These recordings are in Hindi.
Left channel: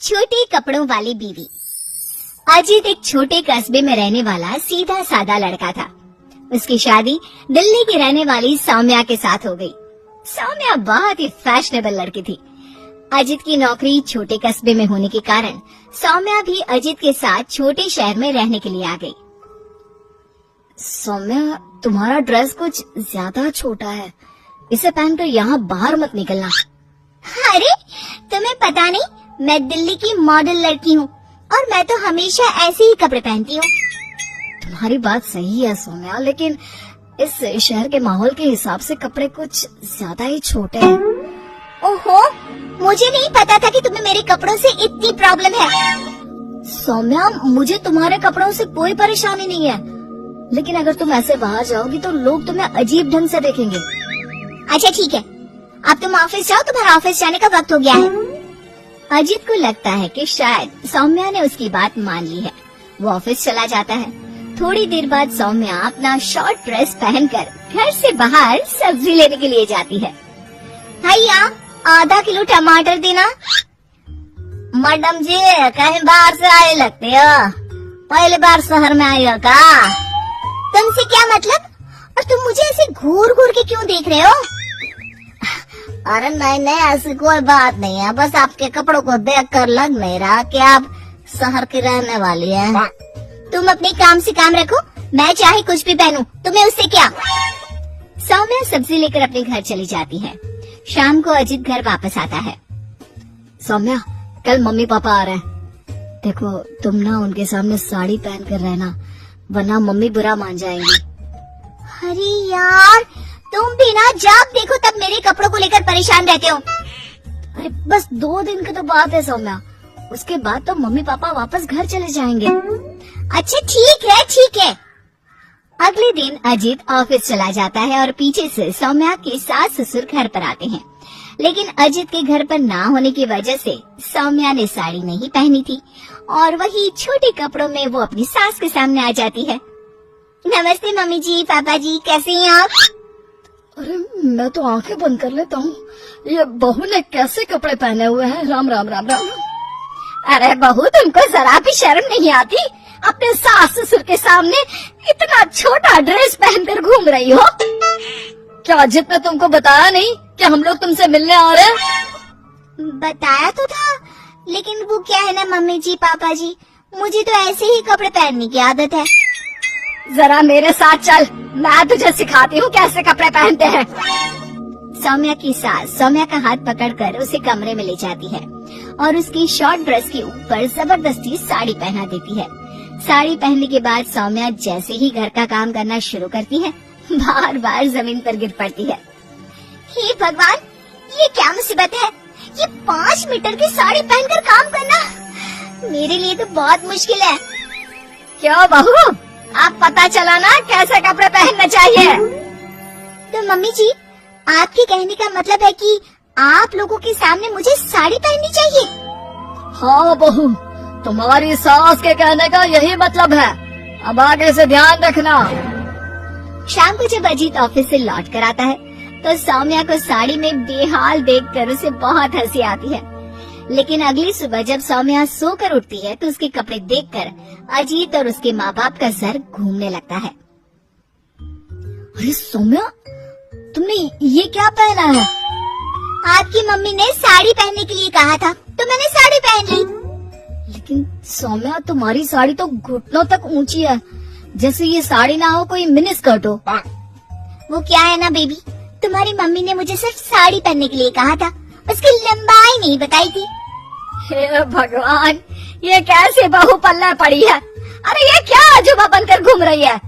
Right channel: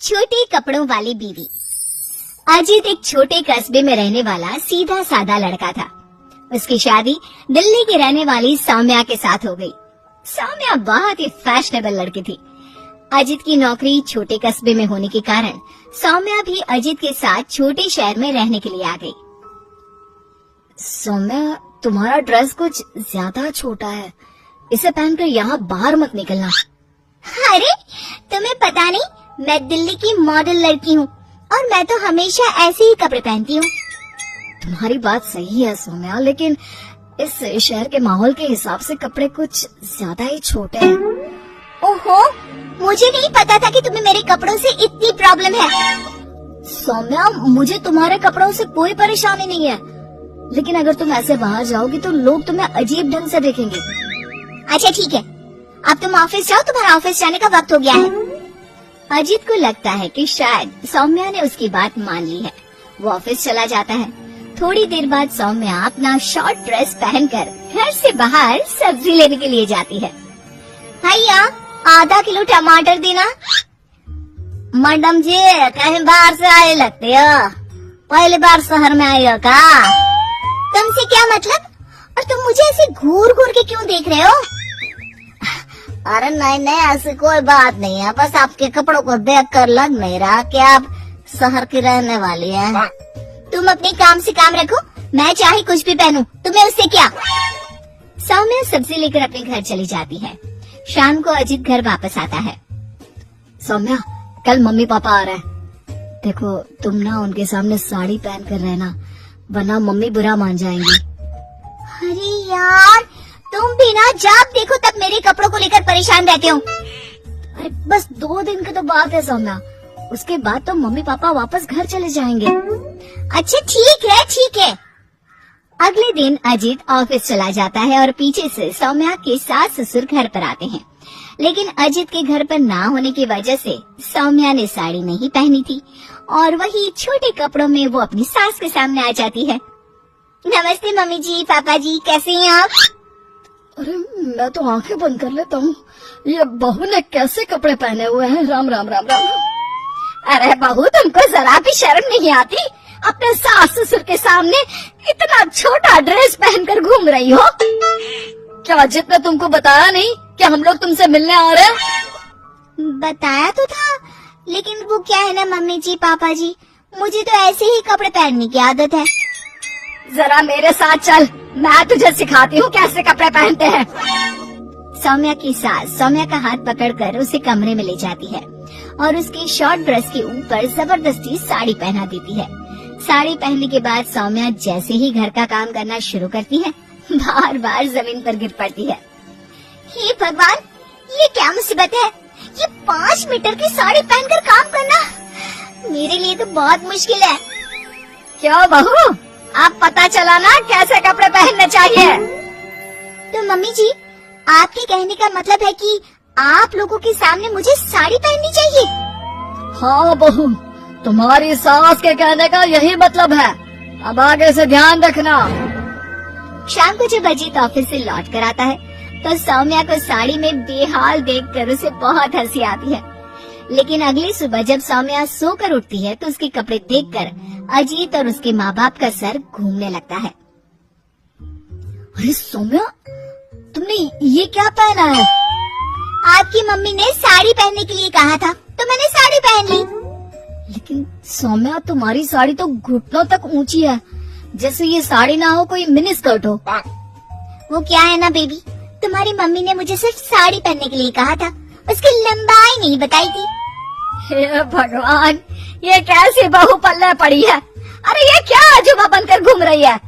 छोटे कपड़ों वाली बीवी। अजित एक छोटे कस्बे में रहने वाला सीधा सादा लड़का था। उसकी शादी दिल्ली की रहने वाली सौम्या के साथ हो गई। सौम्या बहुत ही फैशनेबल लड़की थी। अजित की नौकरी छोटे कस्बे में होने के कारण सौम्या भी अजित के साथ छोटे शहर में रहने के लिए आ गई। सौम्या, तुम्हारा ड्रेस कुछ ज्यादा छोटा है, इसे पहनकर यहाँ बाहर मत निकलना। अरे तुम्हें पता नहीं, मैं दिल्ली की मॉडल लड़की हूँ और मैं तो हमेशा ऐसे ही कपड़े पहनती हूँ। तुम्हारी बात सही है सौम्या, लेकिन इस शहर के माहौल के हिसाब से कपड़े कुछ ज्यादा ही छोटे हैं। ओहो, मुझे नहीं पता था कि तुम्हें मेरे कपड़ों से इतनी प्रॉब्लम है। सौम्या, मुझे तुम्हारे कपड़ों से कोई परेशानी नहीं है, लेकिन अगर तुम ऐसे बाहर जाओगी तो लोग तुम्हें अजीब ढंग से देखेंगे। अच्छा ठीक है, अब तुम ऑफिस जाओ, तुम्हारा ऑफिस जाने का वक्त हो गया है। अजित को लगता है कि शायद सौम्या ने उसकी बात मान ली है। वो ऑफिस चला जाता है। थोड़ी देर बाद सौम्या अपना शॉर्ट ड्रेस पहनकर घर से बाहर सब्जी लेने के लिए जाती है। भैया, आधा किलो टमाटर देना। मैडम जी, कहीं बाहर से आए लगते हो, पहली बार शहर में आई हो का? तुमसे क्या मतलब? और तुम मुझे ऐसे घूर घूर के क्यों देख रहे हो? अरे नहीं नहीं, ऐसी कोई बात नहीं है, बस आपके कपड़ों को देखकर लग नहीं रहा कि आप शहर की रहने वाली हैं। तुम अपने काम से काम रखो, मैं चाहे कुछ भी पहनूं, तुम्हें उससे क्या? सौम्या सब्जी लेकर अपने घर चली जाती है। शाम को अजित घर वापस आता है। सौम्या, कल मम्मी पापा आ रहे हैं, देखो तुम ना उनके सामने साड़ी पहन कर रहना, वरना मम्मी बुरा मान जाएंगी। अरे यार, तुम भी ना जब देखो तब मेरे कपड़ों को लेकर परेशान रहते हो। अरे बस 2 दिन की तो बात है सौम्या, उसके बाद तो मम्मी पापा वापस घर चले जाएंगे। अच्छा ठीक है ठीक है। अगले दिन अजित ऑफिस चला जाता है और पीछे से सौम्या के सास ससुर घर पर आते हैं। लेकिन अजित के घर पर ना होने की वजह से सौम्या ने साड़ी नहीं पहनी थी और वही छोटे कपड़ों में वो अपनी सास के सामने आ जाती है। नमस्ते मम्मी जी, पापा जी, कैसे हैं आप? अरे मैं तो आंखें बंद कर लेता हूँ, ये बहू ने कैसे कपड़े पहने हुए हैं। राम राम राम राम। अरे बहू, तुमको जरा भी शर्म नहीं आती? अपने सास ससुर के सामने इतना छोटा ड्रेस पहनकर घूम रही हो? क्या अजित ने तुमको बताया नहीं कि हम लोग तुमसे मिलने आ रहे हैं? बताया तो था, लेकिन वो क्या है ना मम्मी जी, पापा जी, मुझे तो ऐसे ही कपड़े पहनने की आदत है। जरा मेरे साथ चल, मैं तुझे सिखाती हूँ कैसे कपड़े पहनते हैं। सौम्या की सास सौम्या का हाथ पकड़कर उसे कमरे में ले जाती है और उसकी शॉर्ट ड्रेस के ऊपर जबरदस्ती साड़ी पहना देती है। साड़ी पहनने के बाद सौम्या जैसे ही घर का काम करना शुरू करती है, बार बार जमीन पर गिर पड़ती है। हे भगवान, ये क्या मुसीबत है? ये 5 मीटर की साड़ी पहनकर काम करना मेरे लिए तो बहुत मुश्किल है। क्या बहू, आप पता चला ना कैसे कपड़े पहनने चाहिए? तो मम्मी जी, आपके कहने का मतलब है कि आप लोगों के सामने मुझे साड़ी पहननी चाहिए? हाँ बहू, तुम्हारी सास के कहने का यही मतलब है। अब आगे से ध्यान रखना। शाम को जब अजीत ऑफिस से लौट कर आता है तो सौम्या को साड़ी में बेहाल देखकर उसे बहुत हंसी आती है। लेकिन अगली सुबह जब सौम्या सोकर उठती है तो उसके कपड़े देखकर अजीत और उसके माँ बाप का सर घूमने लगता है। अरे सौम्या, तुमने ये क्या पहना है? आपकी मम्मी ने साड़ी पहनने के लिए कहा था तो मैंने साड़ी पहन ली। लेकिन सौम्या, तुम्हारी साड़ी तो घुटनों तक ऊंची है, जैसे ये साड़ी ना हो कोई मिनी स्कर्ट हो। वो क्या है ना बेबी, तुम्हारी मम्मी ने मुझे सिर्फ साड़ी पहनने के लिए कहा था, उसकी लंबाई नहीं बताई थी। हे भगवान, ये कैसे बहू पल्ले पड़ी है? अरे ये क्या अजूबा बनकर घूम रही है?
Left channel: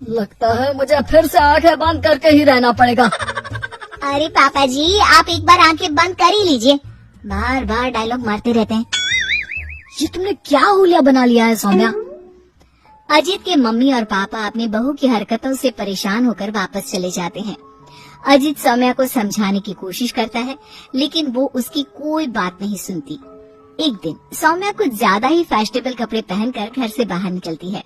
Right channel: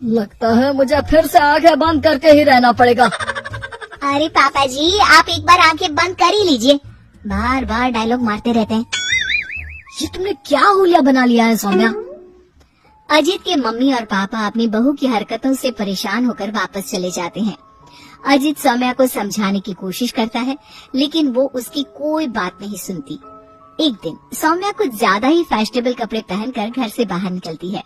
लगता है मुझे फिर से आंखें बंद करके ही रहना पड़ेगा। अरे पापा जी, आप एक बार आंखें बंद कर ही लीजिए, बार बार डायलॉग मारते रहते हैं। ये तुमने क्या हुलिया बना लिया है सौम्या? अजित के मम्मी और पापा अपनी बहू की हरकतों से परेशान होकर वापस चले जाते हैं। अजित सौम्या को समझाने की कोशिश करता है, लेकिन वो उसकी कोई बात नहीं सुनती। एक दिन सौम्या कुछ ज्यादा ही फैशनेबल कपड़े पहनकर घर से बाहर निकलती है।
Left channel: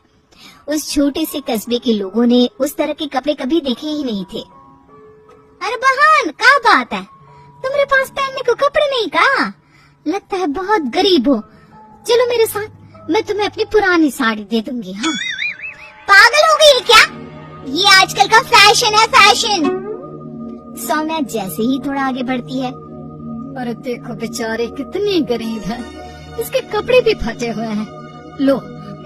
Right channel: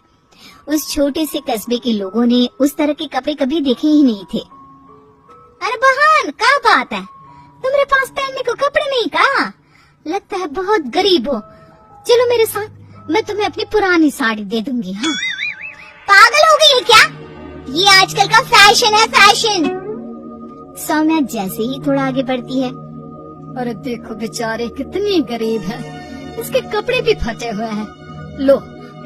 उस छोटे से कस्बे के लोगों ने उस तरह के कपड़े कभी देखे ही नहीं थे। अरे बहन, क्या बात है? तुम्हारे पास पहनने को कपड़े नहीं का? लगता है बहुत गरीब हो। चलो मेरे साथ, मैं तुम्हें अपनी पुरानी साड़ी दे दूंगी। हाँ। पागल हो गई है क्या? ये आजकल का फैशन है, फैशन। सौम्या जैसे ही थोड़ा आगे बढ़ती है, अरे देखो बेचारे कितनी गरीब है, इसके कपड़े भी फटे हुए हैं। लो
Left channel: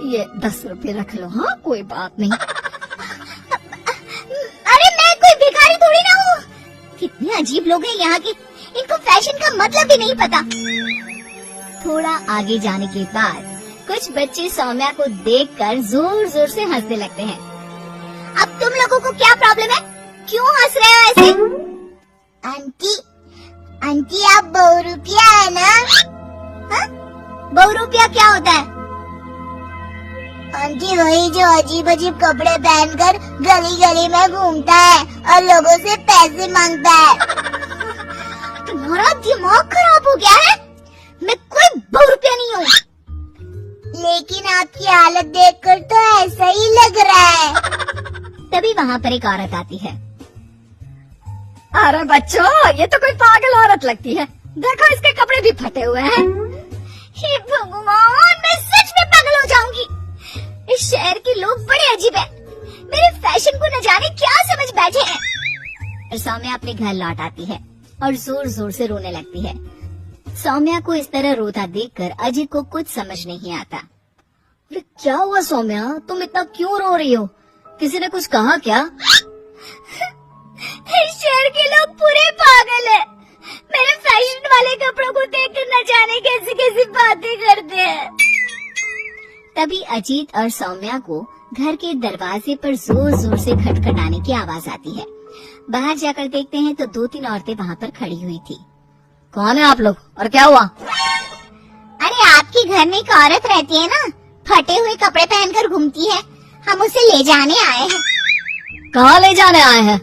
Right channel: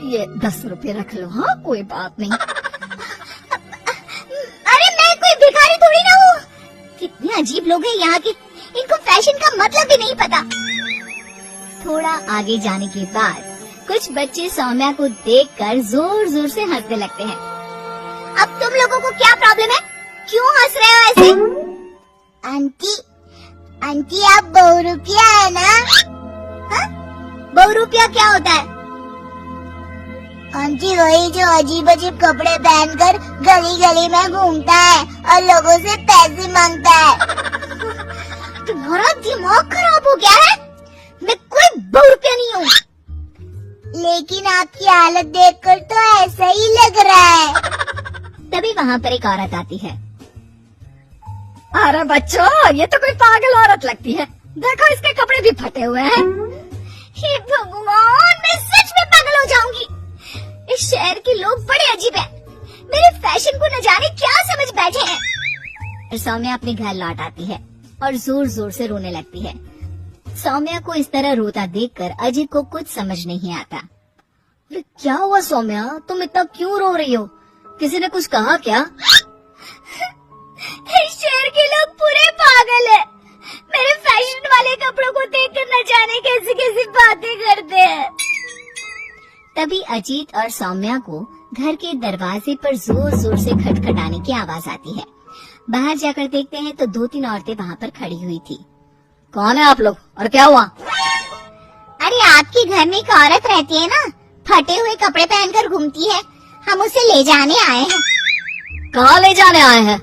ये 10 रुपए रख लो। हाँ कोई बात नहीं। अरे मैं कोई भिखारी थोड़ी ना हूँ। कितने अजीब लोग हैं यहाँ के, इनको फैशन का मतलब भी नहीं पता। थोड़ा आगे जाने के बाद कुछ बच्चे सौम्या को देखकर जोर जोर से हंसने लगते हैं। अब तुम लोगों को क्या प्रॉब्लम है? क्यों हंस रहे हो ऐसे? आंटी आप बहुरूपिया है ना? बहुरूपिया क्या होता है? आंटी वही जो अजीब अजीब कपड़े पहनकर गली गली में घूमता है और लोगों से पैसे मांगता है। तुम्हारा दिमाग खराब हो गया है? मैं कोई बहुरूपिया नहीं हूँ। लेकिन आपकी हालत देखकर तो ऐसा ही लग रहा है। तभी वहाँ पर एक औरत आती है। अरे बच्चों, ये तो कोई पागल औरत लगती है। देखो इसके कपड़े भी फटे हुए हैं। हे भगवान, मैं सच में पागल हो जाऊंगी। इस शहर के लोग बड़े अजीब हैं। मेरे फैशन को न जाने क्या समझ बैठे हैं। और सौम्या अपने घर लौट आती है और जोर जोर से रोने लगती है। सौम्या को इस तरह रोता देखकर अजीत को कुछ समझ नहीं आता। ये क्या हुआ सौम्या, तुम इतना क्यों रो रही हो? किसी ने कुछ कहा क्या? इस शहर के लोग पूरे पागल हैं। मेरे फैशन वाले कपड़ों को देखकर न जाने कैसी कैसी बातें करते हैं। तभी अजीत और सौम्या को घर के दरवाजे पर जोर जोर से खटखटाने की आवाज आती है। बाहर जाकर देखते हैं तो 2-3 औरतें वहाँ पर खड़ी हुई थी। कौन है आप लोग और क्या हुआ? अरे आपके घर में एक औरत रहती है ना, फटे हुए कपड़े पहनकर घूमती है, हम उसे ले जाने आए हैं। कहाँ ले जाने आए हैं?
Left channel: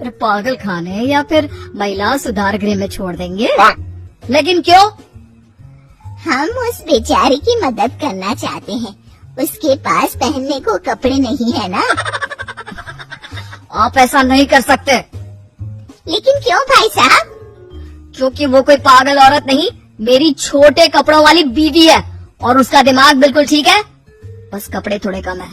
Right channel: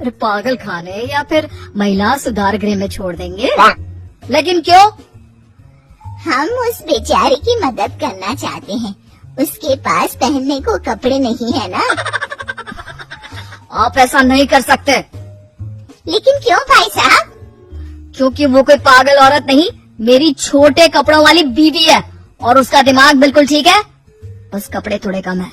अरे पागल खाने या फिर महिला सुधार गृह में छोड़ देंगे। लेकिन क्यों? हम उस बेचारी की मदद करना चाहते हैं। उसके पास पहनने को कपड़े नहीं है ना। आप ऐसा नहीं कर सकते। लेकिन क्यों भाई साहब? क्योंकि वो कोई पागल औरत नहीं, मेरी छोटे कपड़ों वाली बीवी है और उसका दिमाग बिल्कुल ठीक है, बस कपड़े थोड़े कम है।